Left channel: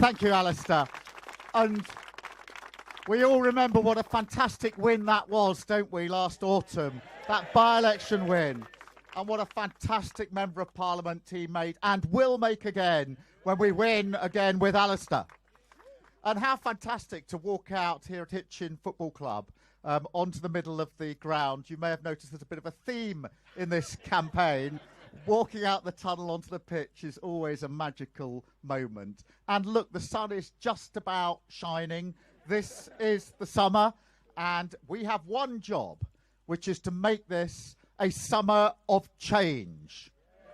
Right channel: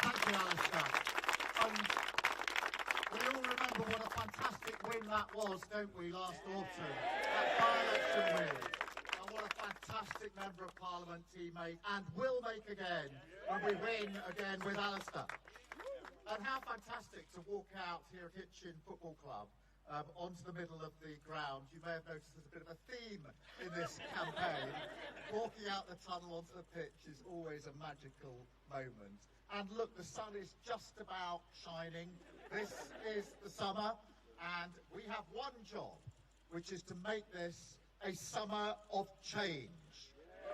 Thank you, Alistair. And we all remember what a fantastic win that was, don't we, last autumn? That by-election win. And what a fantastic Member of Parliament he made and will make again when we win again with Alistair. And how fantastic to walk out here at Hitchin Football Club onto the middle of the ground. You may have noticed there's a bit of a theme in this campaign. Walking out the tunnel onto the pitch is always a magical moment. And look, the sun is just about shining. This is the summer, and we have one job, which is to make this a summer of change.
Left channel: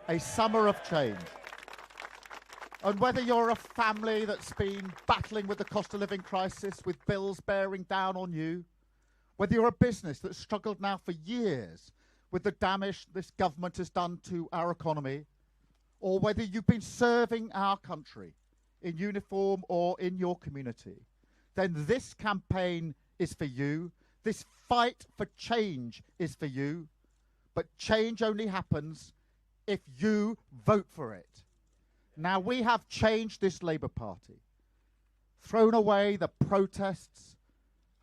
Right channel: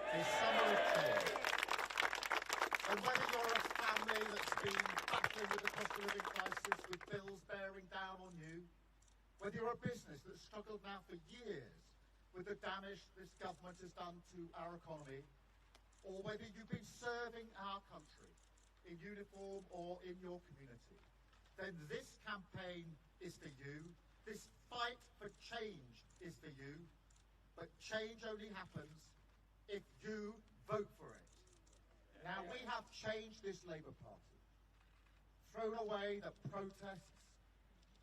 A summer of change. And whether you're a family that's been battling with the cost of living crisis, with bills bearing down on you, whether you're a business that's struggled now for years with the damage this government has done to our economy, or whether you've been serving our country in uniform or in your community, then this campaign is for you. This fight for change is for you. But change only happens if you vote for it. Now, we have changed this Labour Party, thrown away the protests,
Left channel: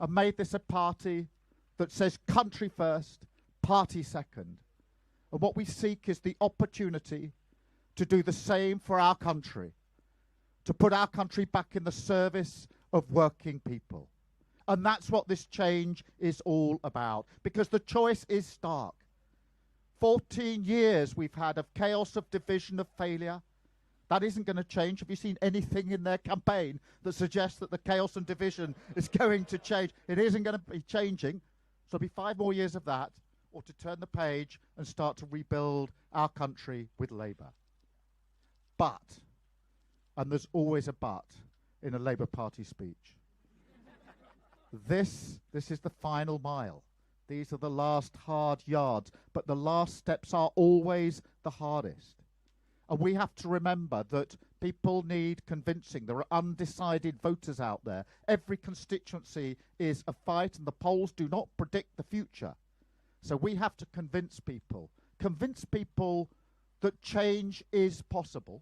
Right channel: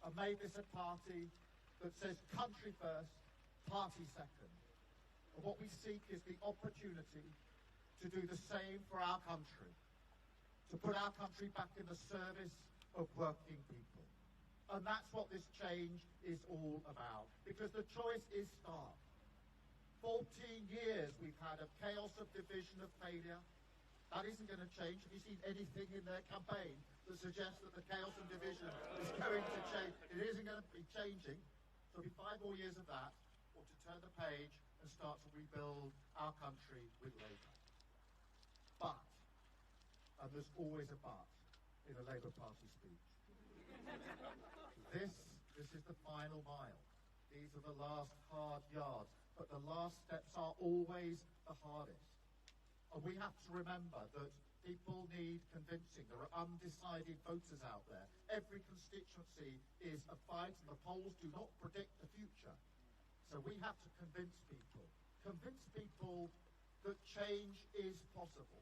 and made this a party that says country first, party second. And what we seek is the opportunity to do the same for our country, to put our country back in the service of working people. And that's what this change is all about, because the choice is stark. 14 years we've had of chaos, of division, of failure. That isn't going to change. Have you seen anything in their campaign that suggests that the chaos and division is going to change? It isn't going to be changing. So it'll be 5 more years of that, or to turn the page and start to rebuild our country with Labour. But, and there's always a but in a Labour Party speech, this is the final mile. These are the last hard yards, but the last steps are always the hardest. And we have to remember that people need convincing. There are undecided voters out there. Every constituency is a fight, and the polls do not predict the future. So we have to convince people that change is possible.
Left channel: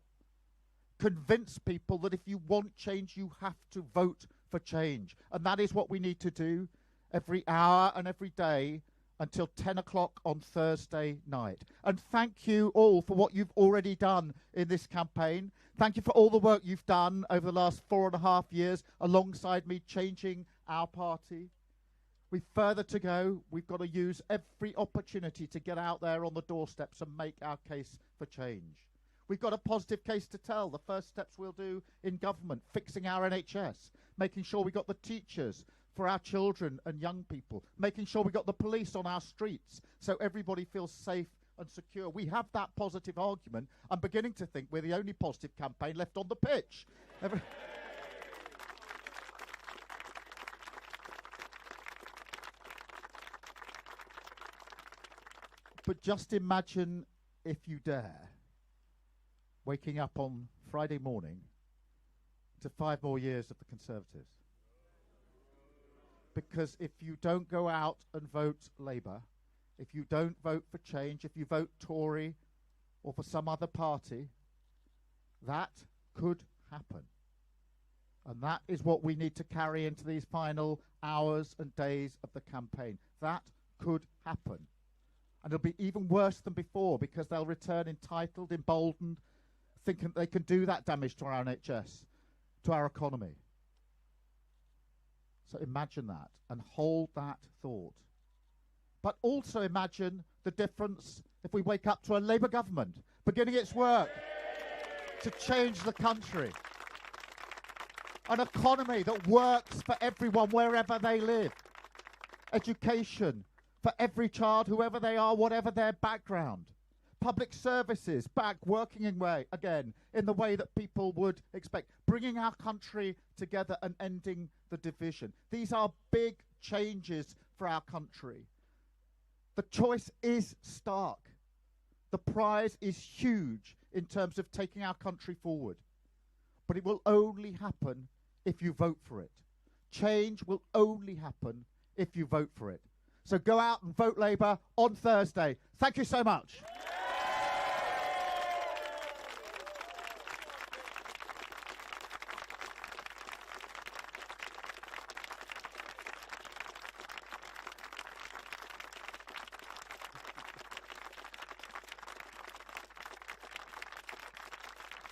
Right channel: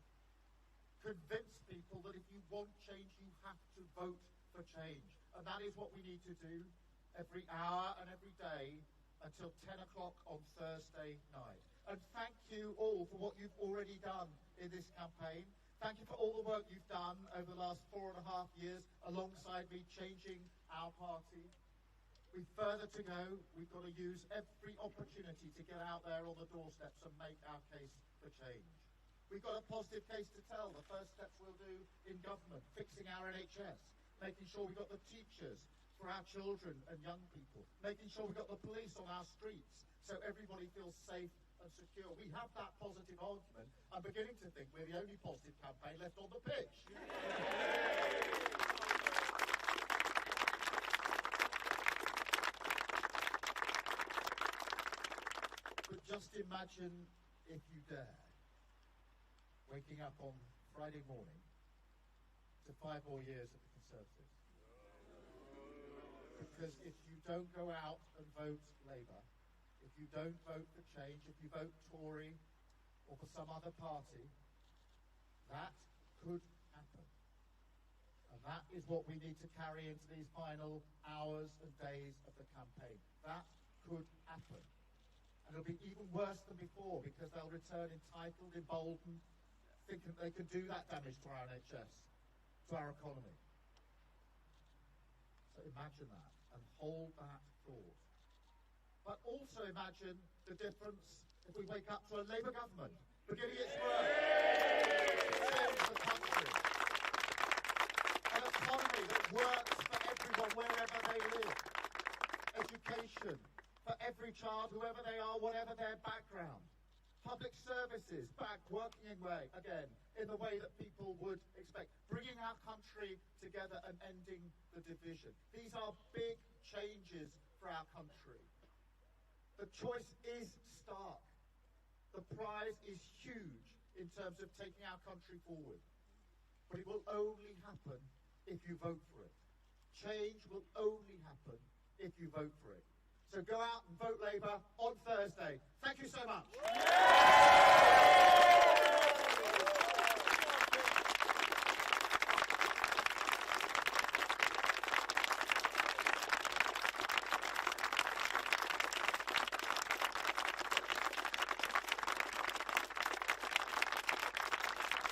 Convince people that if you want change, you have to vote for change. And that is what we need to do every hour and every day until 10 o'clock on Thursday night. And thank you all for what you've already done in this campaign. Thank you for all the work you've done over the last 4.5 years alongside me changing our party. We've further to go. We've got to use every opportunity to get out there on the doorsteps and make our case for change. We've got a positive case to tell. The first steps we'll do in government, fixing our NHS, making sure we got the teachers for our children and young people, making sure we got the police on our streets so everybody feels safe and secure. We have that positive argument. I'm beginning to think we're the only positive campaign left on the pitch. But just imagine, if you dare, waking up on Friday morning to 5 more years of the Conservatives. Because if you don't go out and vote Labour, if you don't vote for change, if you vote Tory or for some other party, that could happen. And that is what we need to carry into these final hours and days of the campaign. That could happen. And it'll be even worse than before, because they'll return entitled, emboldened, thinking they can do that damage to our NHS, to our economy. So imagine that and hold that thought. But also imagine the difference if we wake up to a Labour government beginning its work to change the country. An economy that works for everyone wherever they live. Education for every child, whoever they are, whatever their background. Public services back working in the way that people would expect. Bringing our country together and ending the division. These are big changes for our country. The choice is stark. The prize is huge in terms of taking our country forward. But it will only happen if you vote for it. Change will only happen if you vote for it. So go out and vote Labour on Thursday. Thank you so much.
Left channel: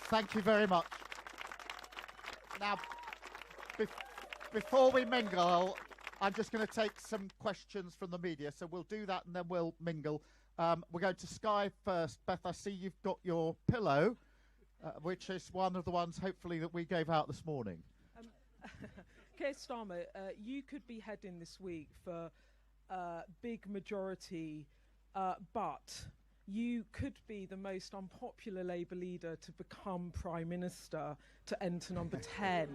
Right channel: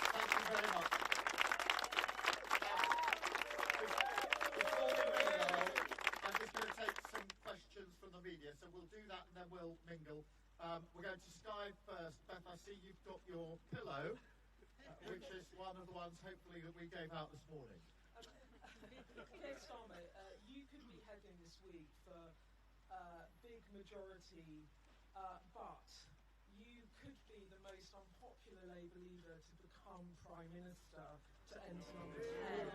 Thank you very much. Now, before we mingle, I'm just going to take some questions from the media. So we'll do that and then we'll mingle. We're going to Sky first. Beth, I see you've got your pillow, which is one of the ones, hopefully, that we gave out this morning. Keir Starmer, you could be heading this week for big majority, but you could be the most unpopular Labour leader to become Prime Minister to enter number 10.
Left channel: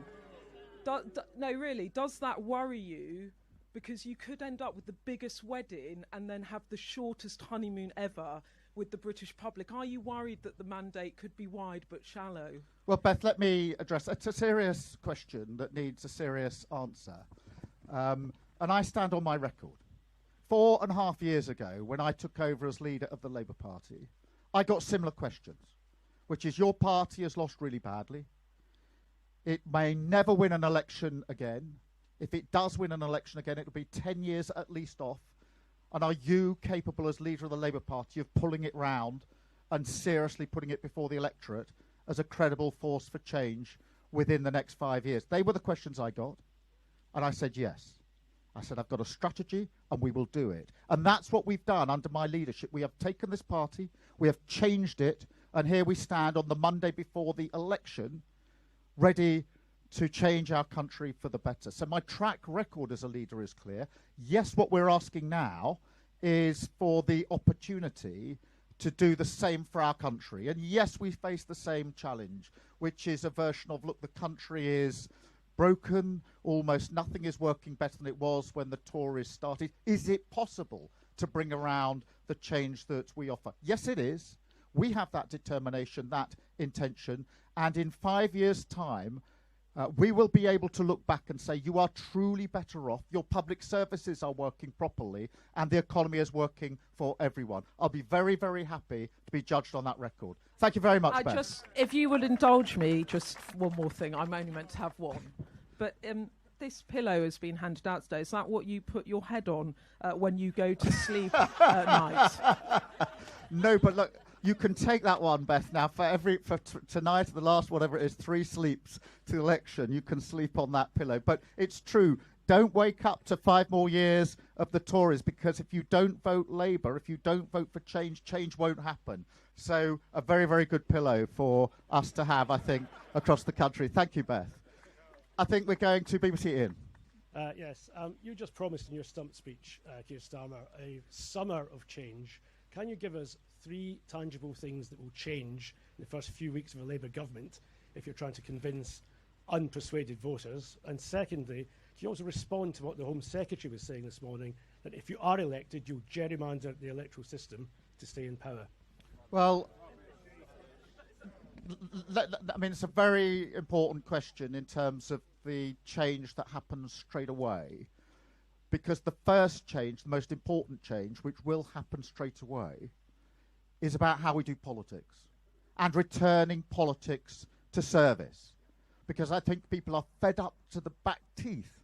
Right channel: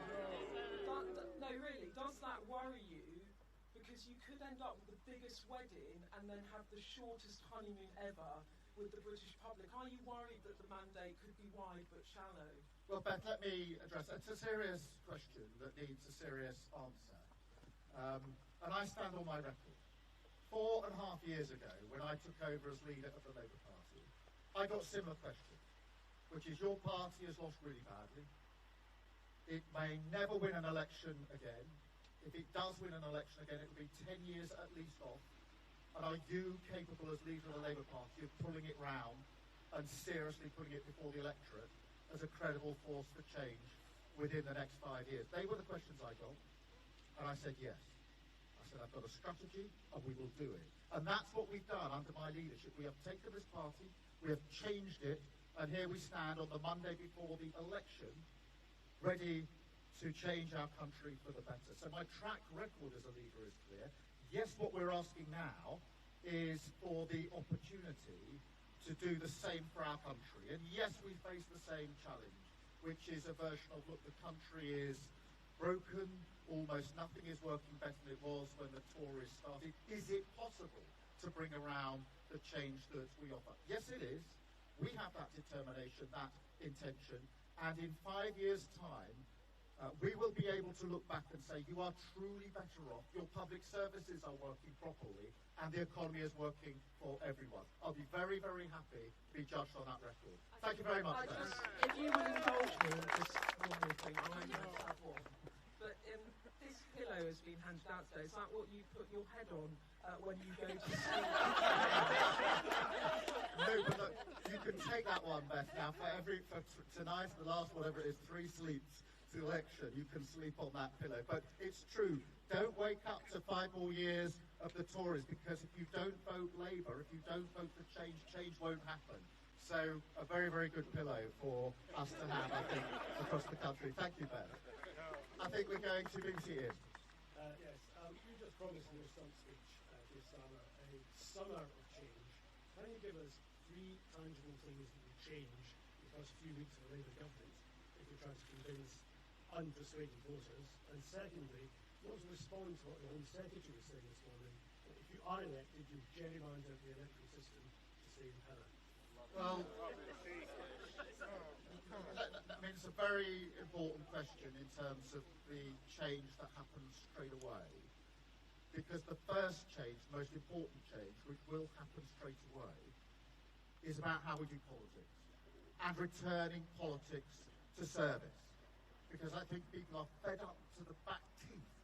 No, really, does that worry you? Because you could end up with the biggest wedding and then have the shortest honeymoon ever with the British public. Are you worried that the mandate could be wide but shallow? Well, Beth, let me address. It's a serious question that needs a serious answer. And I stand on my record. 4.5 years ago, when I took over as leader of the Labour Party, I got similar questions, which is your party has lost really badly. It may never win an election again. If it does win an election again, it will be 10 years at least off. And are you capable as leader of the Labour Party of pulling it round and seriously putting it before the electorate as a credible force for change within the next 5 years? They were the questions I got. And I said yes. I said, I've got a strategy and we will do it. And that's what we've done under my leadership. We have taken this party, we have changed it, and here we stand on the Monday before the election, ready to change our country for the better. So my track record as a leader is clear. Yes, what we're asking now is for the opportunity to do the same for our country. And yes, we face the same challenge, which is a version of, look, the country is broken, almost nothing is working better than it was when the Tories started. Is it possible to bring around the change that we offer? Yes, it is. We have that determination, that intention, and in 5 years' time, we will be able to look back and say, you are truly better off, your public services are working properly, and the economy is working for everyone. I'll be very, very happy to be judged on that record. Thank you very much, Ben. If you would indulge me, just one more thing. I'm only meant to have one. But this pillow has been handed out today. Is that what you put your head on when you go to sleep at night? No, but look, you can take that one, Beth. Now, for tonight, the last, whatever it is, 3 sleeps to the election, you can sleep on that pillow. But it's true. Don't wake up to 5 more years of the Tories, because if you don't vote Labour, if you don't vote for change, change won't happen. So a very, very good pillow for us to have, I think, across the country. Thank you, Beth. I think we're going to BBC Ian. Yes, you just promised in your stump speech, Keir Starmer, a summer of change. Can you give us 3 tangible things that will change in the first few weeks of a Labour government if you're trying to convince unpersuaded voters? And secondly, can you also respond to what the Home Secretary was saying this morning, that if you are elected, you'll gerrymander the electoral system to stay in power? Well, I mean, it's a very important question in terms of the change that happens straight away, because the first change, the most important change, which will happen straight away, is about how we do politics and returning politics to service. Because I think people are fed up to the back teeth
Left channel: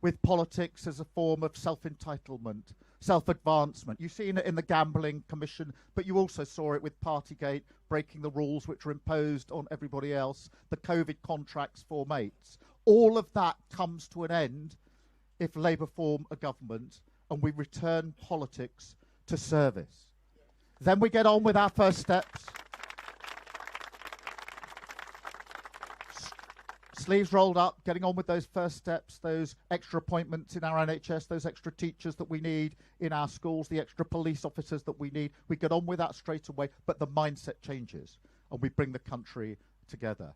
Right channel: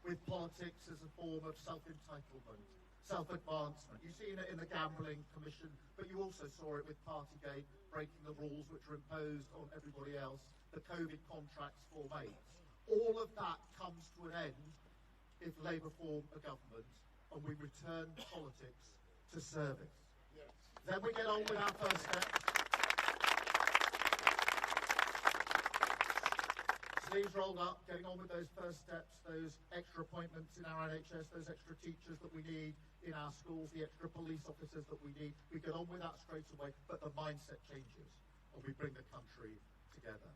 with politics as a form of self-entitlement, self-advancement. You've seen it in the Gambling Commission, but you also saw it with Partygate, breaking the rules which were imposed on everybody else, the COVID contracts for mates. All of that comes to an end if Labour form a government and we return politics to service. Then we get on with our first steps. Sleeves rolled up, getting on with those first steps, those extra appointments in our NHS, those extra teachers that we need in our schools, the extra police officers that we need. We get on with that straight away, but the mindset changes and we bring the country together.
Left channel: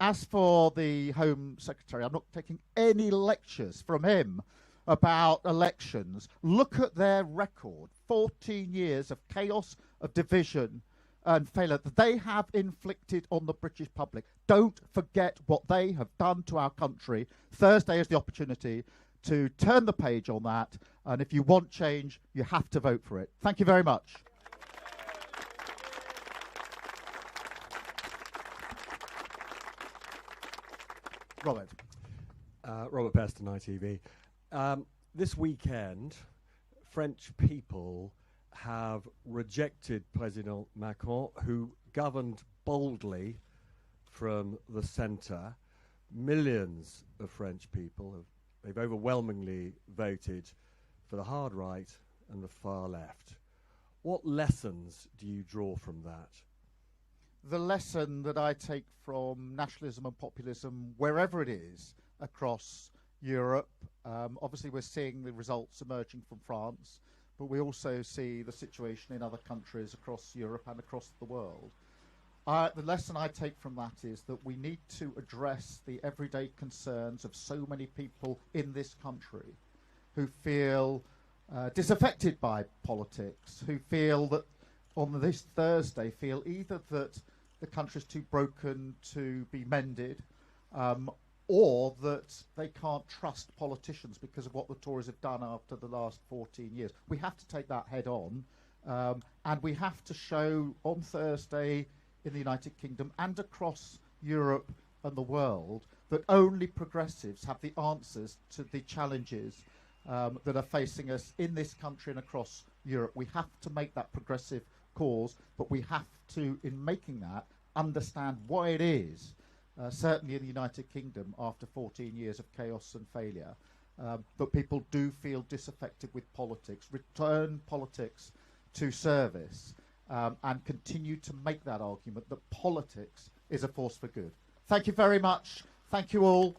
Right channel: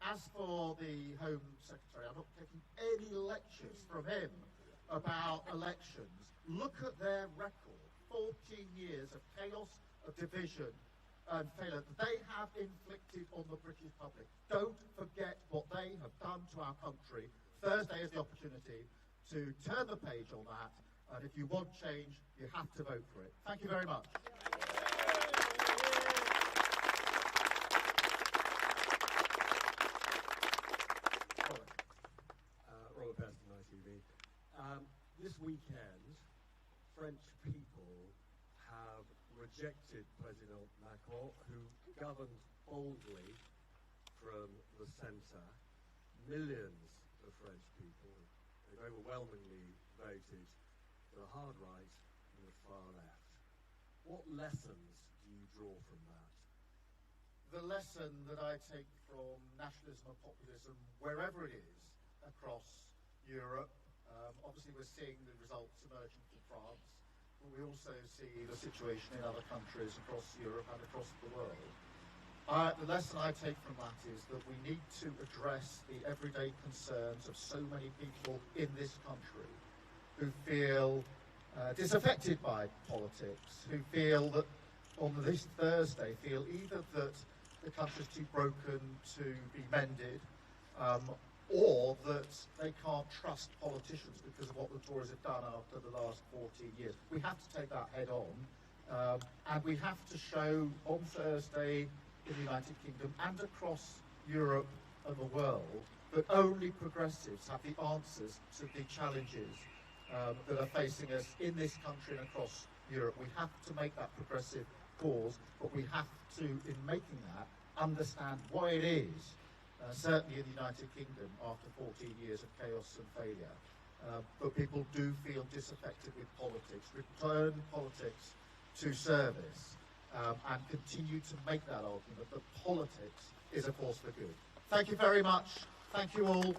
As for the Home Secretary, I'm not taking any lectures from him about elections. Look at their record, 14 years of chaos, of division and failure that they have inflicted on the British public. Don't forget what they have done to our country. Thursday is the opportunity to turn the page on that, and if you want change, you have to vote for it. Thank you very much. Robert. Robert Peston, ITV. This weekend, French people have rejected President Macron, who governed boldly from the centre. Millions of French people, they've overwhelmingly voted for the hard right and the far left. What lessons do you draw from that? The lesson that I take from nationalism and populism, wherever it is across Europe, obviously we're seeing the results emerging from France, but we also see the situation in other countries across Europe and across the world. The lesson I take from that is that we need to address the everyday concerns of so many people in this country who feel disaffected by politics, who feel that on this Thursday feel either that the country's too broken to be mended, or that they can't trust politicians because of what the Tories have done after the last 14 years. We have to take that head on, and we have to show on Thursday in the United Kingdom and across Europe and the world that only progressives have the answers to the challenges that are facing us in this country and across Europe. We have to make that progressive cause, but we have to, in making that, understand why it is, certainly in the United Kingdom after 14 years of chaos and failure, but people do feel disaffected with politics. Return politics to service, and continue to make that argument that politics is a force for good. Thank you very much. Thank you all.